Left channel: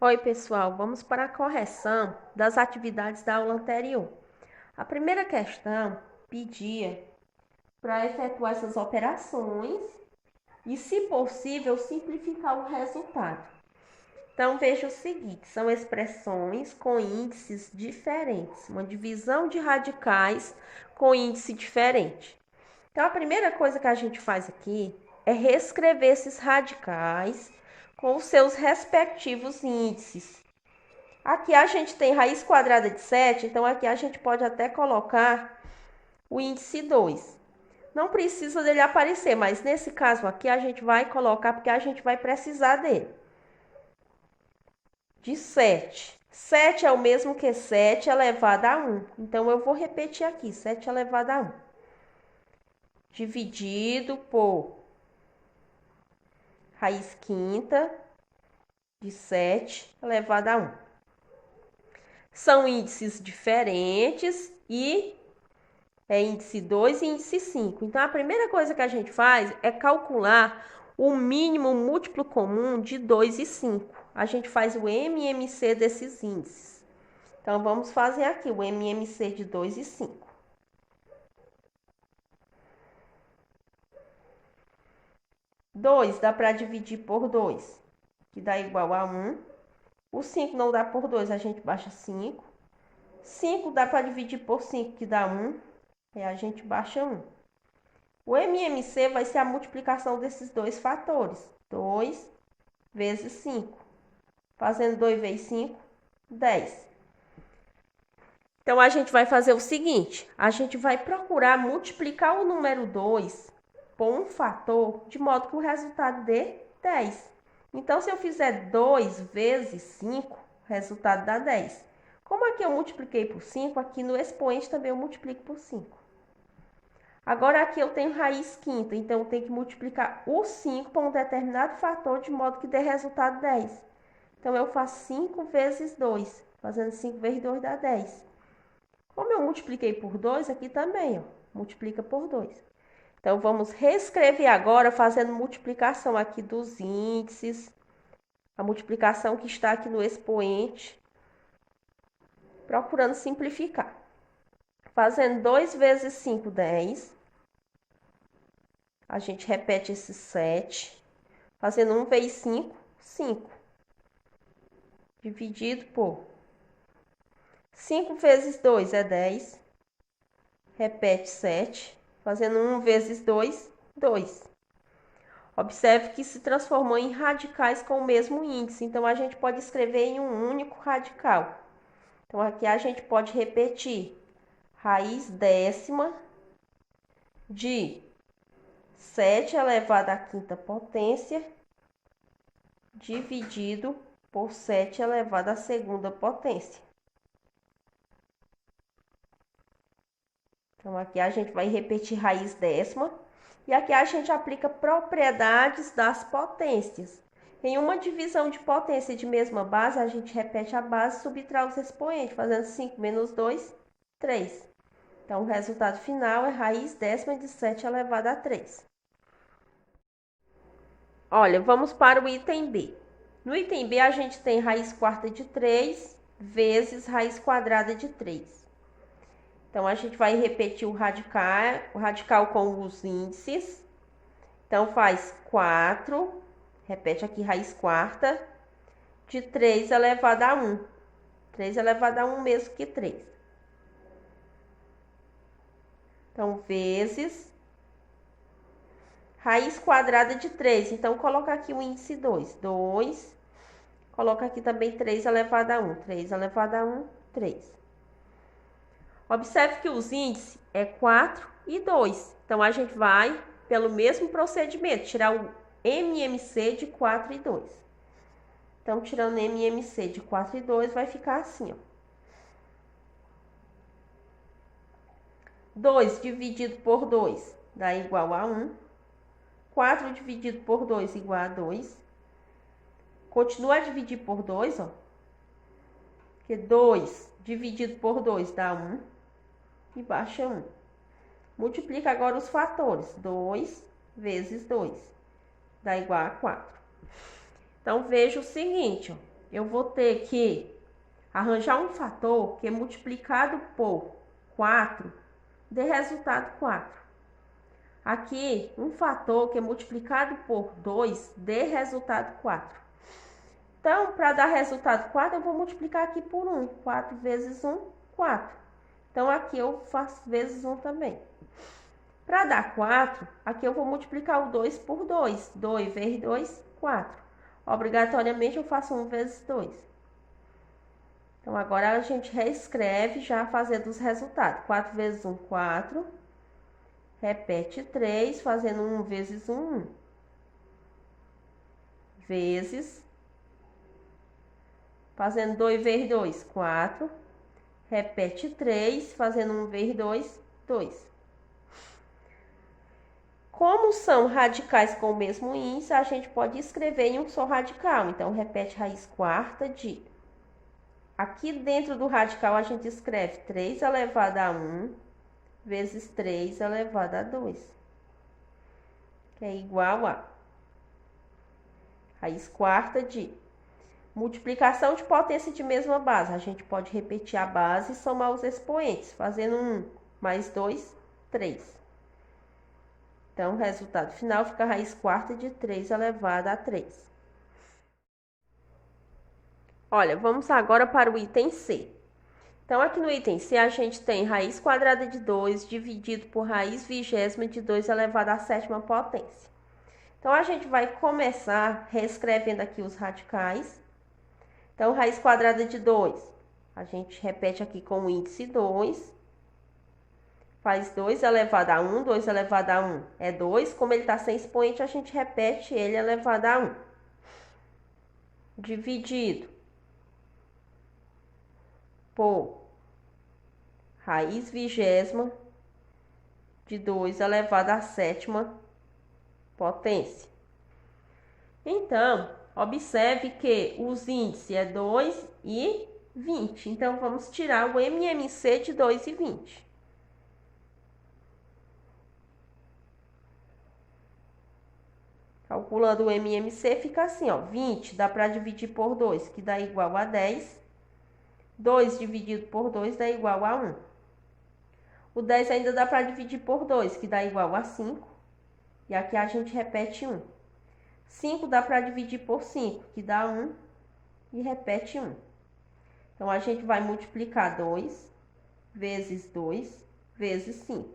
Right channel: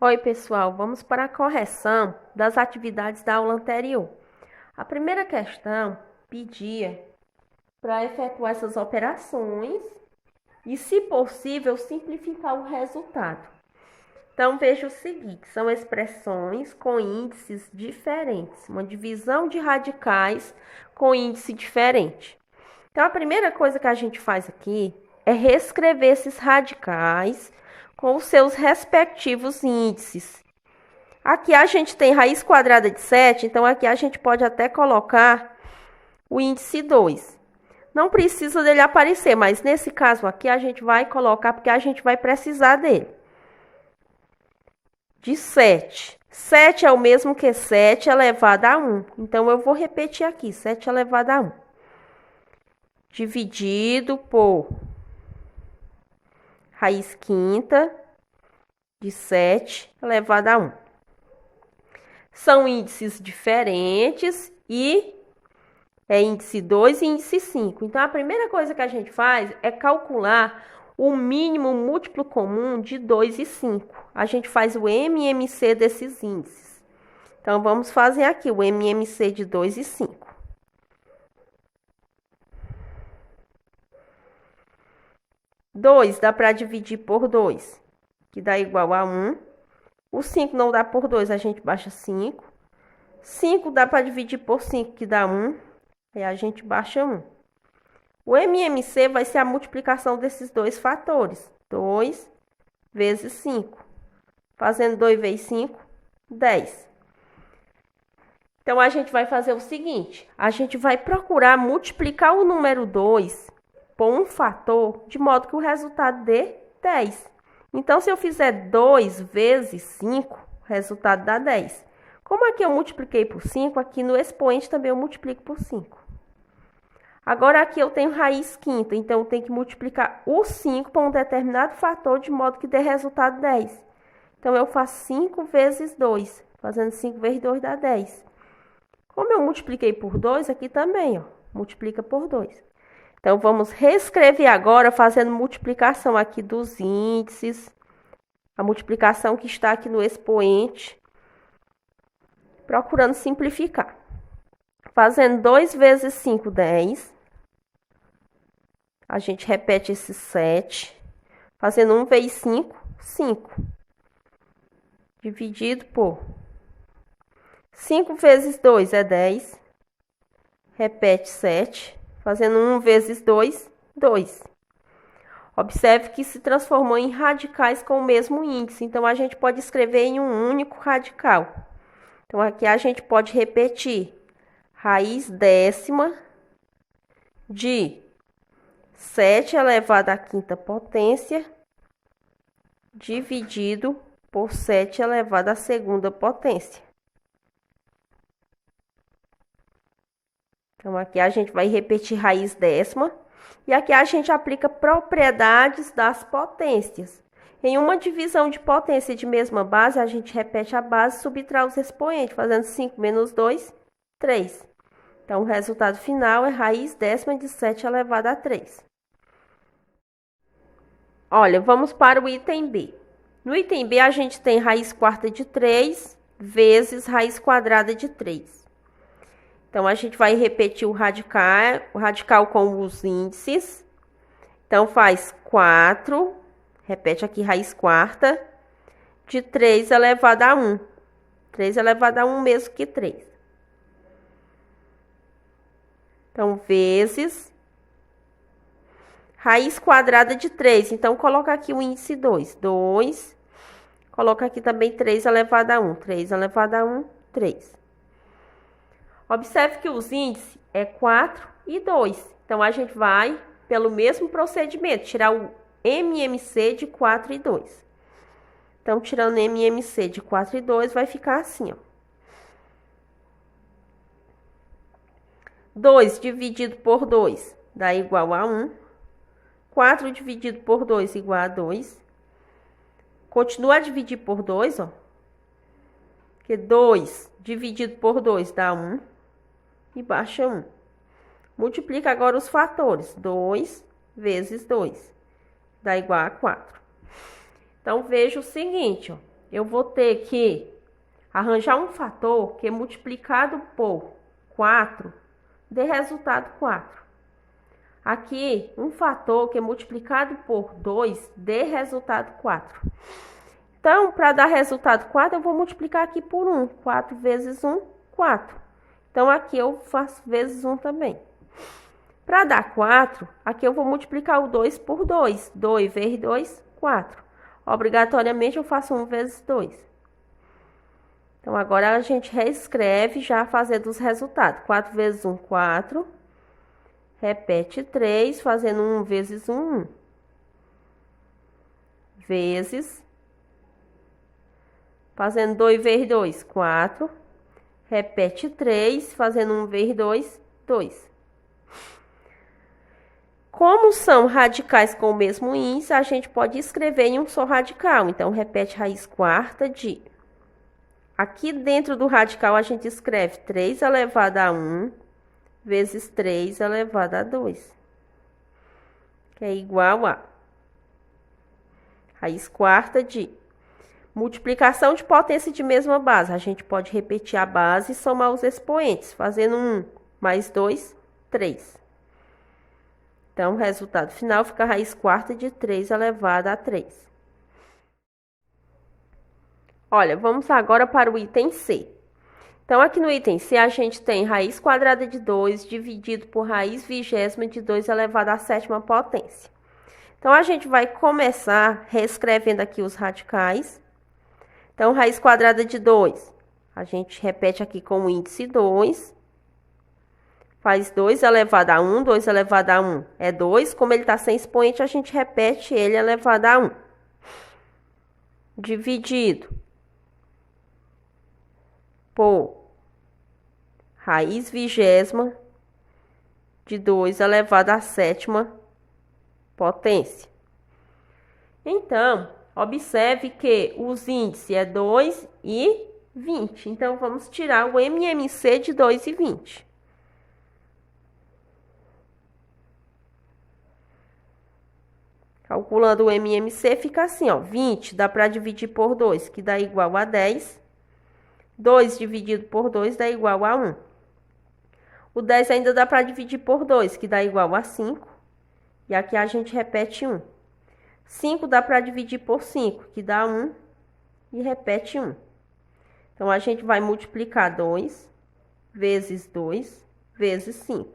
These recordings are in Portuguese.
Oi, pessoal, vamos para a correção das atividades da aula anterior. A primeira questão pedia para efetuar essas operações e, se possível, simplificar o resultado. Então, veja o seguinte: são expressões com índices diferentes, uma divisão de radicais com índice diferente. Então, a primeira coisa que a gente faz aqui é reescrever esses radicais com os seus respectivos índices. Aqui a gente tem raiz quadrada de 7, então aqui a gente pode até colocar o índice 2. Não precisa dele aparecer, mas nesse caso aqui a gente vai colocar porque a gente vai precisar dele. De 7. 7 é o mesmo que 7 elevado a 1. Então eu vou repetir aqui, 7 elevado a 1. Dividido por raiz quinta de 7 elevado a 1. São índices diferentes e é índice 2 e índice 5. Então, a primeira coisa que a gente faz é calcular o mínimo múltiplo comum de 2 e 5. A gente faz o MMC desses índices. Então, vamos fazer aqui o MMC de 2 e 5. 2 dá para dividir por 2, que dá igual a 1. O 5 não dá por 2, a gente baixa 5. 5 dá para dividir por 5, que dá 1. Aí a gente baixa 1. O MMC vai ser a multiplicação desses dois fatores. 2 vezes 5. Fazendo 2 vezes 5, 10. Então, a gente vai fazer o seguinte. A gente vai procurar multiplicar o número 2 por um fator, de modo que o resultado dê 10. Então, se eu fizer 2 vezes 5, o resultado dá 10. Como aqui eu multipliquei por 5, aqui no expoente também eu multiplico por 5. Agora, aqui eu tenho raiz quinta, então eu tenho que multiplicar o 5 por um determinado fator, de modo que dê resultado 10. Então, eu faço 5 vezes 2. Fazendo 5 vezes 2 dá 10. Como eu multipliquei por 2, aqui também, ó, multiplica por 2. Então, vamos reescrever agora, fazendo multiplicação aqui dos índices. A multiplicação que está aqui no expoente. Procurando simplificar. Fazendo 2 vezes 5, 10. A gente repete esse 7. Fazendo 1 vezes 5, 5. Dividido por 5 vezes 2 é 10. Repete 7. Fazendo 1 vezes 2, 2. Observe que se transformou em radicais com o mesmo índice. Então, a gente pode escrever em um único radical. Então, aqui a gente pode repetir. Raiz décima de 7 elevado à quinta potência, dividido por 7 elevado à segunda potência. Então, aqui a gente vai repetir raiz décima. E aqui a gente aplica propriedades das potências. Em uma divisão de potência de mesma base, a gente repete a base e subtrai os expoentes, fazendo 5 menos 2, 3. Então, o resultado final é raiz décima de 7 elevado a 3. Olha, vamos para o item B. No item B, a gente tem raiz quarta de 3 vezes raiz quadrada de 3. Então, a gente vai repetir o radical com os índices. Então, faz 4, repete aqui raiz quarta, de 3 elevado a 1. 3 elevado a 1 mesmo que 3. Então, vezes raiz quadrada de 3. Então, coloca aqui o índice 2. 2. Coloca aqui também 3 elevado a 1. 3 elevado a 1, 3. Observe que os índices é 4 e 2. Então, a gente vai, pelo mesmo procedimento, tirar o MMC de 4 e 2. Então, tirando MMC de 4 e 2, vai ficar assim, ó. 2 dividido por 2 dá igual a 1. 4 dividido por 2 igual a 2. Continua a dividir por 2, ó. Porque 2 dividido por 2 dá 1. E baixa 1. Multiplica agora os fatores. 2 vezes 2 dá igual a 4. Então, veja o seguinte, ó. eu vou ter que arranjar um fator que multiplicado por 4 dê resultado 4. Aqui, um fator que multiplicado por 2 dê resultado 4. Então, para dar resultado 4, eu vou multiplicar aqui por 1. 4 vezes 1, 4. Então, aqui eu faço vezes 1 também. Para dar 4, aqui eu vou multiplicar o 2 por 2. 2 vezes 2, 4. Obrigatoriamente, eu faço 1 vezes 2. Então, agora a gente reescreve já fazendo os resultados. 4 vezes 1, 4. Repete 3, fazendo 1 vezes 1, 1. Vezes. Fazendo 2 vezes 2, 4. Repete 3, fazendo 1 vezes 2, 2. Como são radicais com o mesmo índice, a gente pode escrever em um só radical. Então, repete raiz quarta de... Aqui dentro do radical, a gente escreve 3 elevado a 1 vezes 3 elevado a 2. Que é igual a raiz quarta de... Multiplicação de potência de mesma base. A gente pode repetir a base e somar os expoentes, fazendo 1 mais 2, 3. Então, o resultado final fica a raiz quarta de 3 elevado a 3. Olha, vamos agora para o item C. Então, aqui no item C, a gente tem raiz quadrada de 2 dividido por raiz vigésima de 2 elevado à sétima potência. Então, a gente vai começar reescrevendo aqui os radicais. Então, raiz quadrada de 2, a gente repete aqui com o índice 2. Faz 2 elevado a 1, 2 elevado a 1 é 2. Como ele está sem expoente, a gente repete ele elevado a 1. Dividido por raiz vigésima de 2 elevado à sétima potência. Então, observe que os índices é 2 e 20. Então, vamos tirar o MMC de 2 e 20. Calculando o MMC, fica assim, ó. 20 dá para dividir por 2, que dá igual a 10. 2 dividido por 2 dá igual a 1. O 10 ainda dá para dividir por 2, que dá igual a 5. E aqui a gente repete 1. 5 dá para dividir por 5, que dá 1. E repete 1. Então, a gente vai multiplicar 2 vezes 2 vezes 5.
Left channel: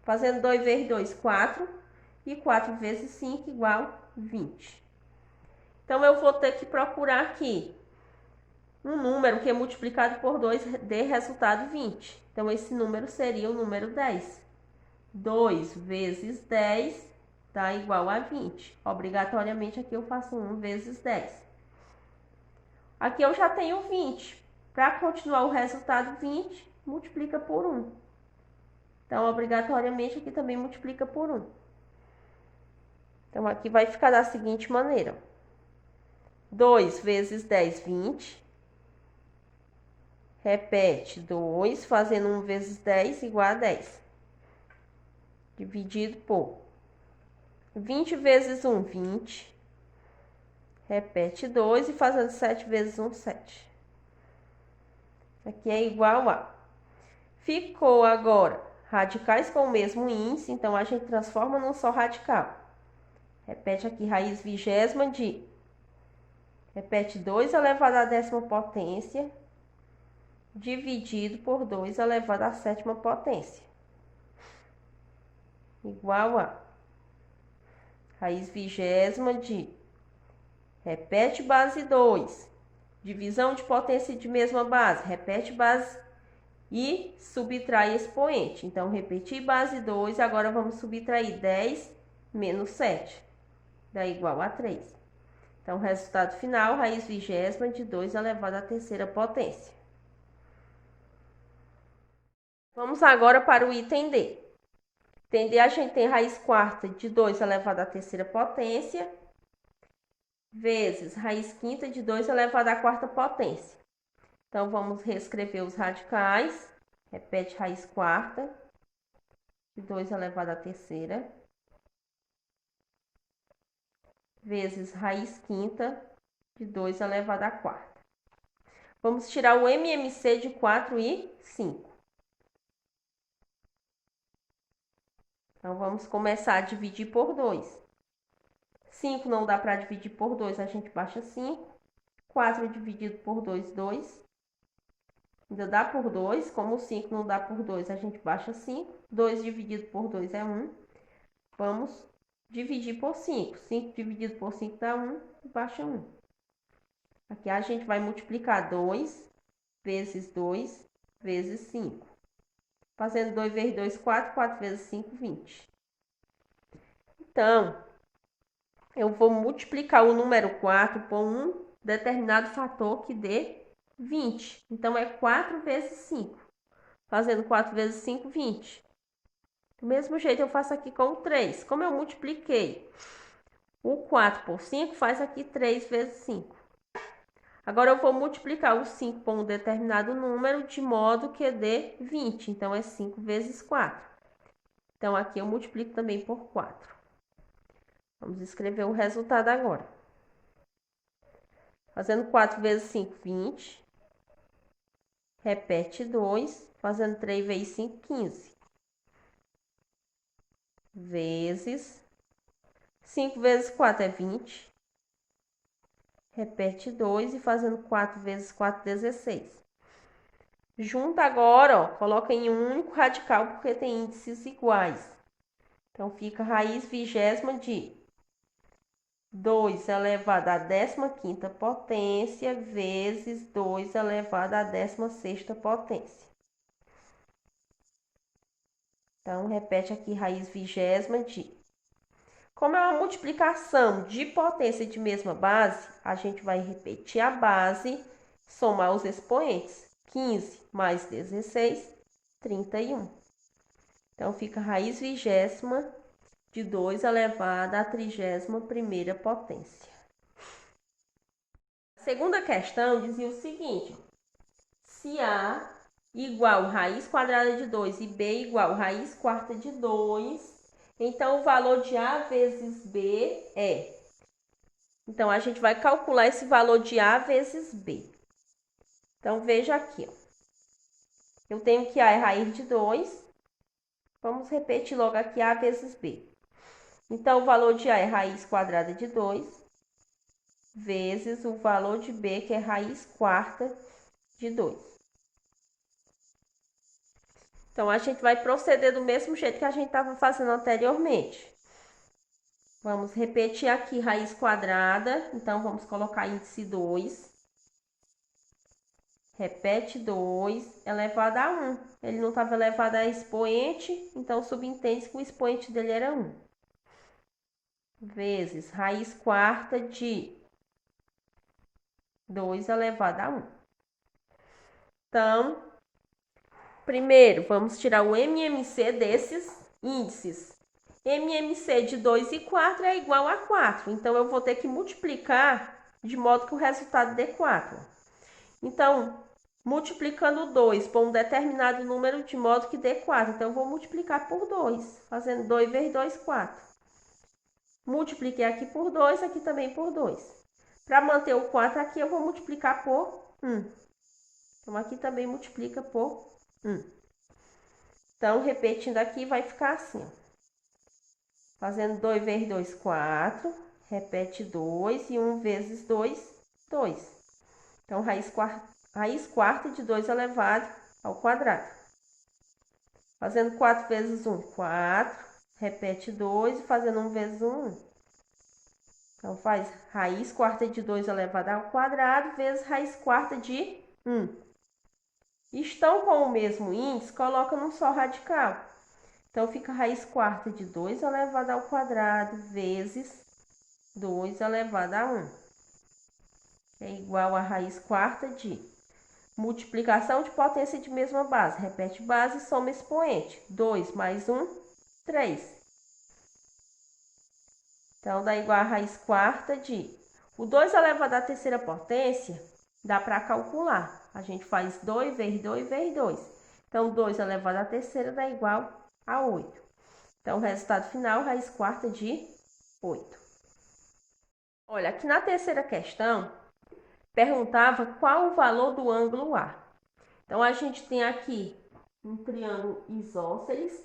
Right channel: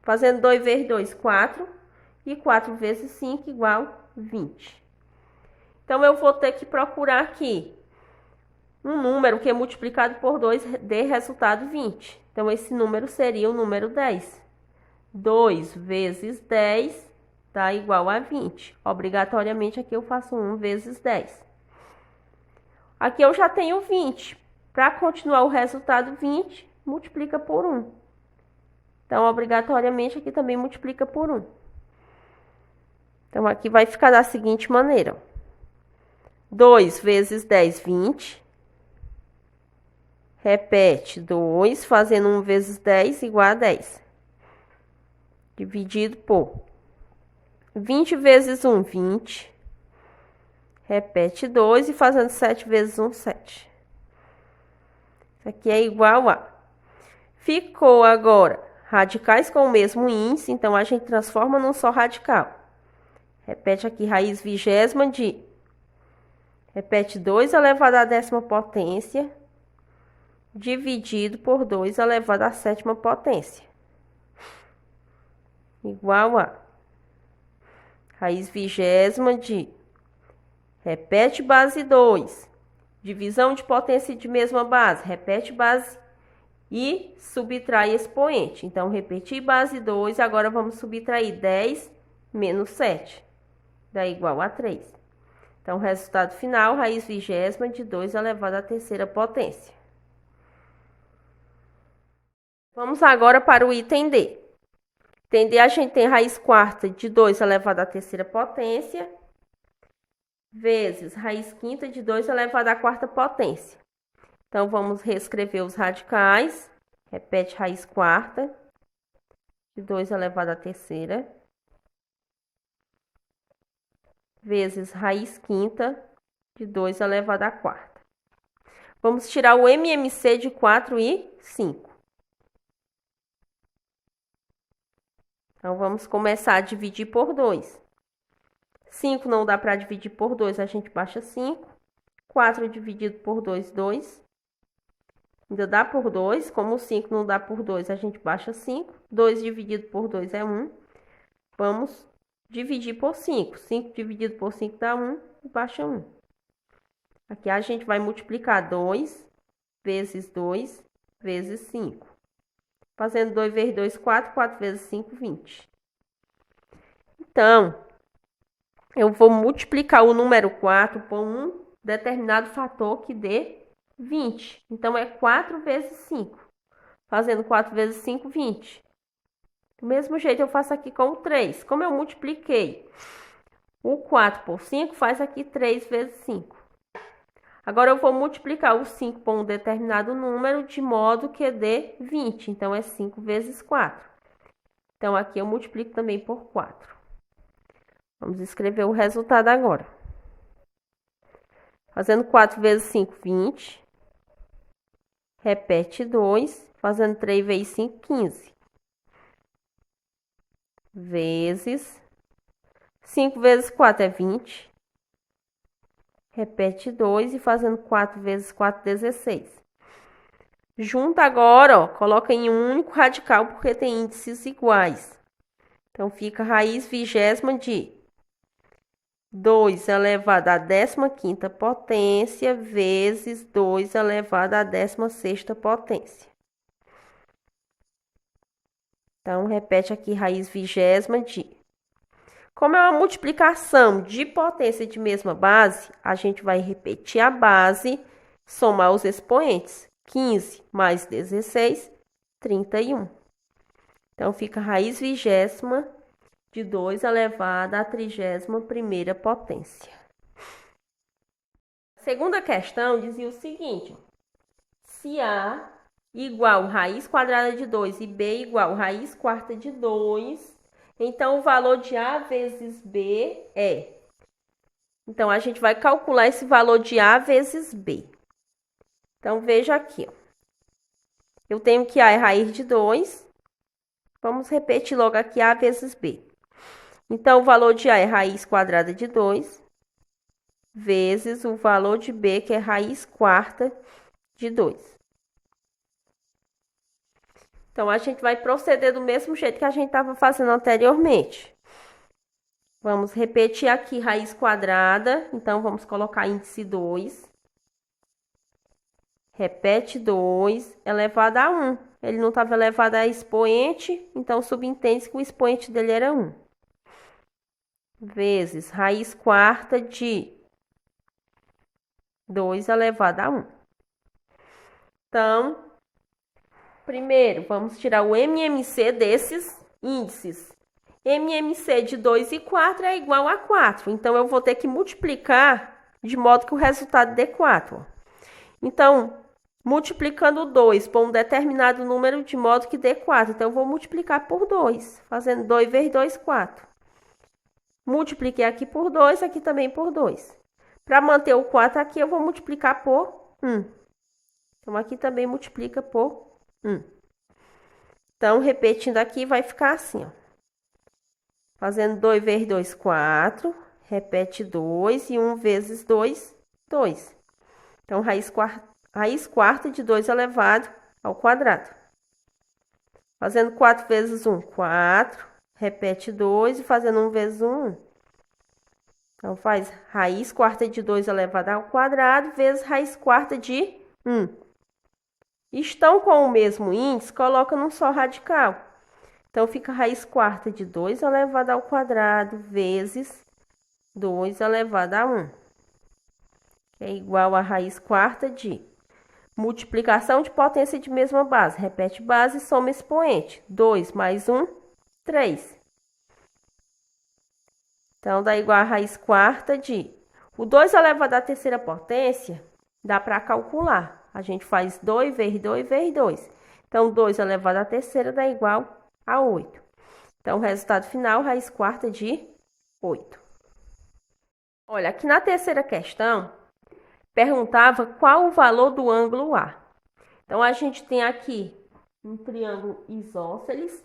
Fazendo 2 vezes 2, 4. E 4 vezes 5 igual 20. Então, eu vou ter que procurar aqui um número que é multiplicado por 2 dê resultado 20. Então, esse número seria o número 10. 2 vezes 10 dá igual a 20. Obrigatoriamente, aqui eu faço 1 vezes 10. Aqui eu já tenho 20. Para continuar o resultado 20, multiplica por 1. Então, obrigatoriamente, aqui também multiplica por 1. Então, aqui vai ficar da seguinte maneira. 2 vezes 10, 20. Repete 2, fazendo 1 vezes 10 igual a 10. Dividido por 20 vezes 1, 20. Repete 2 e fazendo 7 vezes 1, 7. Isso aqui é igual a... Ficou agora radicais com o mesmo índice, então a gente transforma num só radical. Repete aqui raiz vigésima de... Repete 2 elevado à décima potência, dividido por 2 elevado à sétima potência. Igual a... Raiz vigésima de... Repete base 2. Divisão de potência de mesma base. Repete base e subtrai expoente. Então, repetir base 2. Agora, vamos subtrair 10 menos 7. Dá igual a 3. Então, resultado final, raiz vigésima de 2 elevado à terceira potência. Vamos agora para o item D. Item D, a gente tem raiz quarta de 2 elevado à terceira potência, vezes raiz quinta de 2 elevado à quarta potência. Então, vamos reescrever os radicais. Repete raiz quarta de 2 elevado à terceira, vezes raiz quinta de 2 elevado à quarta. Vamos tirar o MMC de 4 e 5. Então, vamos começar a dividir por 2. 5 não dá para dividir por 2, a gente baixa 5. 4 dividido por 2, 2. Ainda dá por 2. Como o 5 não dá por 2, a gente baixa 5. 2 dividido por 2 é 1. Vamos dividir por 5. 5 dividido por 5 dá 1 e baixa 1. Aqui a gente vai multiplicar 2 vezes 2 vezes 5. Fazendo 2 vezes 2, 4. 4 vezes 5, 20. Então, eu vou multiplicar o número 4 por um determinado fator que dê 20. Então, é 4 vezes 5. Fazendo 4 vezes 5, 20. Do mesmo jeito, eu faço aqui com o 3. Como eu multipliquei o 4 por 5, faz aqui 3 vezes 5. Agora, eu vou multiplicar o 5 por um determinado número de modo que dê 20. Então, é 5 vezes 4. Então, aqui eu multiplico também por 4. Vamos escrever o resultado agora. Fazendo 4 vezes 5, 20. Repete 2. Fazendo 3 vezes 5, 15. Vezes 5 vezes 4 é 20. Repete 2 e fazendo 4 vezes 4, 16. Junta agora, ó, coloca em um único radical porque tem índices iguais. Então, fica raiz vigésima de 2 elevado à 15ª potência vezes 2 elevado à 16ª potência. Então, repete aqui raiz vigésima de... Como é uma multiplicação de potência de mesma base, a gente vai repetir a base, somar os expoentes. 15 mais 16, 31. Então, fica raiz vigésima de 2 elevado à 31ª potência. A segunda questão dizia o seguinte: se A igual raiz quadrada de 2 e B igual raiz quarta de 2, então o valor de A vezes B é... Então, a gente vai calcular esse valor de A vezes B. Então, veja aqui, ó. Eu tenho que A é raiz de 2. Vamos repetir logo aqui A vezes B. Então, o valor de A é raiz quadrada de 2, vezes o valor de B, que é raiz quarta de 2. Então, a gente vai proceder do mesmo jeito que a gente estava fazendo anteriormente. Vamos repetir aqui raiz quadrada. Então, vamos colocar índice 2. Repete 2 elevado a 1. Ele não estava elevado a expoente, então subentende que o expoente dele era 1. Vezes raiz quarta de 2 elevado a 1. Então, primeiro, vamos tirar o MMC desses índices. MMC de 2 e 4 é igual a 4. Então, eu vou ter que multiplicar de modo que o resultado dê 4. Então, multiplicando 2 por um determinado número de modo que dê 4. Então, eu vou multiplicar por 2. Fazendo 2 vezes 2, 4. Multipliquei aqui por 2, aqui também por 2. Para manter o 4 aqui, eu vou multiplicar por 1. Então, aqui também multiplica por 1. Então, repetindo aqui, vai ficar assim, ó. Fazendo 2 vezes 2, 4. Repete 2 e 1 vezes 2, 2. Então, raiz quarta de 2 elevado ao quadrado. Fazendo 4 vezes 1, 4. Repete 2 e fazendo 1 vezes 1, 1. Então, faz raiz quarta de 2 elevado ao quadrado vezes raiz quarta de 1. Estão com o mesmo índice, coloca num só radical. Então, fica raiz quarta de 2 elevado ao quadrado vezes 2 elevado a 1. Que é igual a raiz quarta de multiplicação de potência de mesma base. Repete base e soma expoente. 2 mais 1, 3. Então, dá igual a raiz quarta de... O 2 elevado à terceira potência, dá para calcular. A gente faz 2 vezes 2 vezes 2. Então, 2 elevado à terceira dá igual a 8. Então, o resultado final, raiz quarta de 8. Olha, aqui na terceira questão, perguntava qual o valor do ângulo A. Então, a gente tem aqui um triângulo isósceles,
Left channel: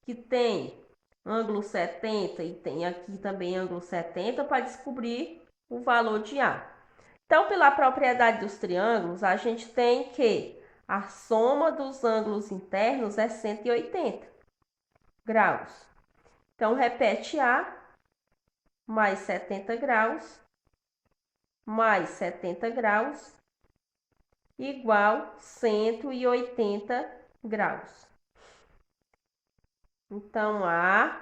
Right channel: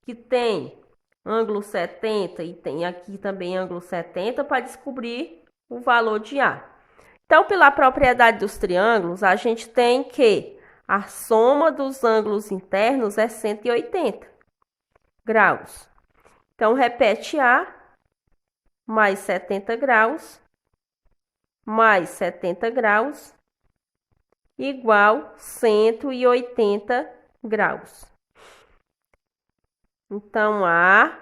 que tem ângulo 70 e tem aqui também ângulo 70 para descobrir o valor de A. Então, pela propriedade dos triângulos, a gente tem que a soma dos ângulos internos é 180 graus. Então, repete A mais 70 graus mais 70 graus igual 180 graus. Então, A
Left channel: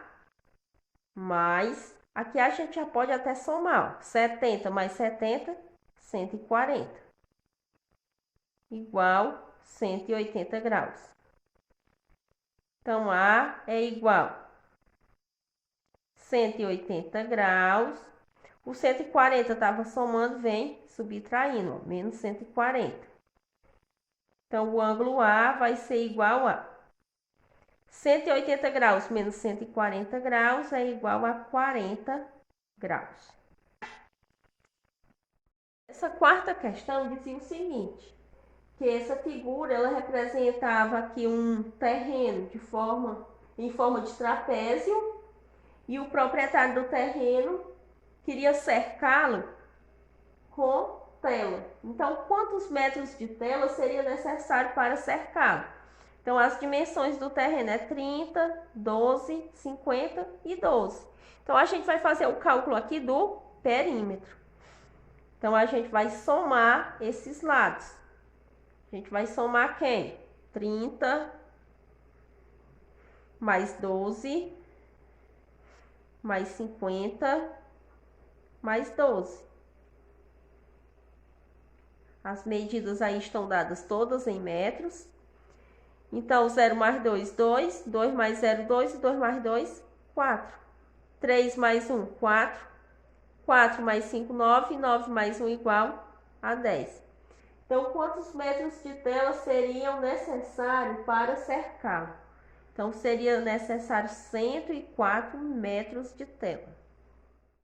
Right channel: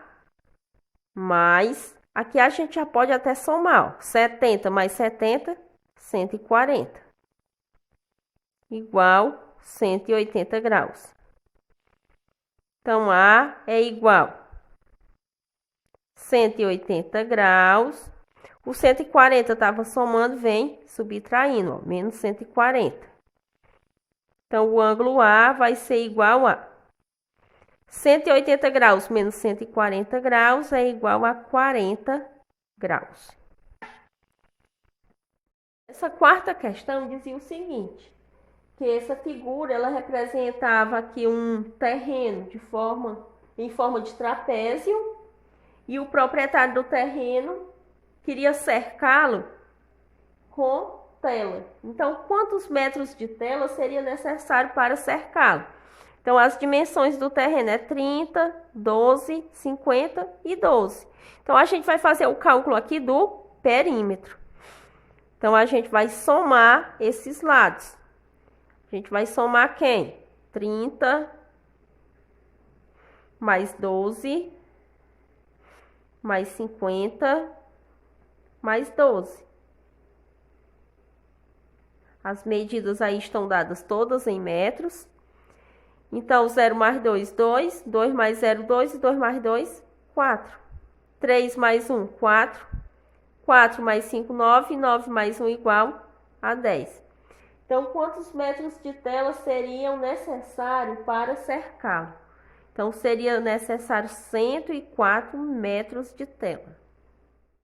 mais... Aqui a gente já pode até somar, ó. 70 mais 70, 140. Igual 180 graus. Então, A é igual 180 graus. O 140 estava somando, vem subtraindo, ó, menos 140. Então, o ângulo A vai ser igual a 180 graus menos 140 graus é igual a 40 graus. Essa quarta questão dizia o seguinte, que essa figura ela representava aqui um terreno em forma de trapézio e o proprietário do terreno queria cercá-lo com tela. Então, quantos metros de tela seria necessário para cercá-lo? Então, as dimensões do terreno é 30, 12, 50 e 12. Então, a gente vai fazer o cálculo aqui do perímetro. Então, a gente vai somar esses lados. A gente vai somar quem? 30 mais 12 mais 50 mais 12. As medidas aí estão dadas todas em metros. Então, 0 mais 2, 2. 2 mais 0, 2. E 2 mais 2, 4. 3 mais 1, 4. 4 mais 5, 9. 9 mais 1 igual a 10. Então, quantos metros de tela seriam necessários para cercá-lo? Então, seria necessário 104 metros de tela.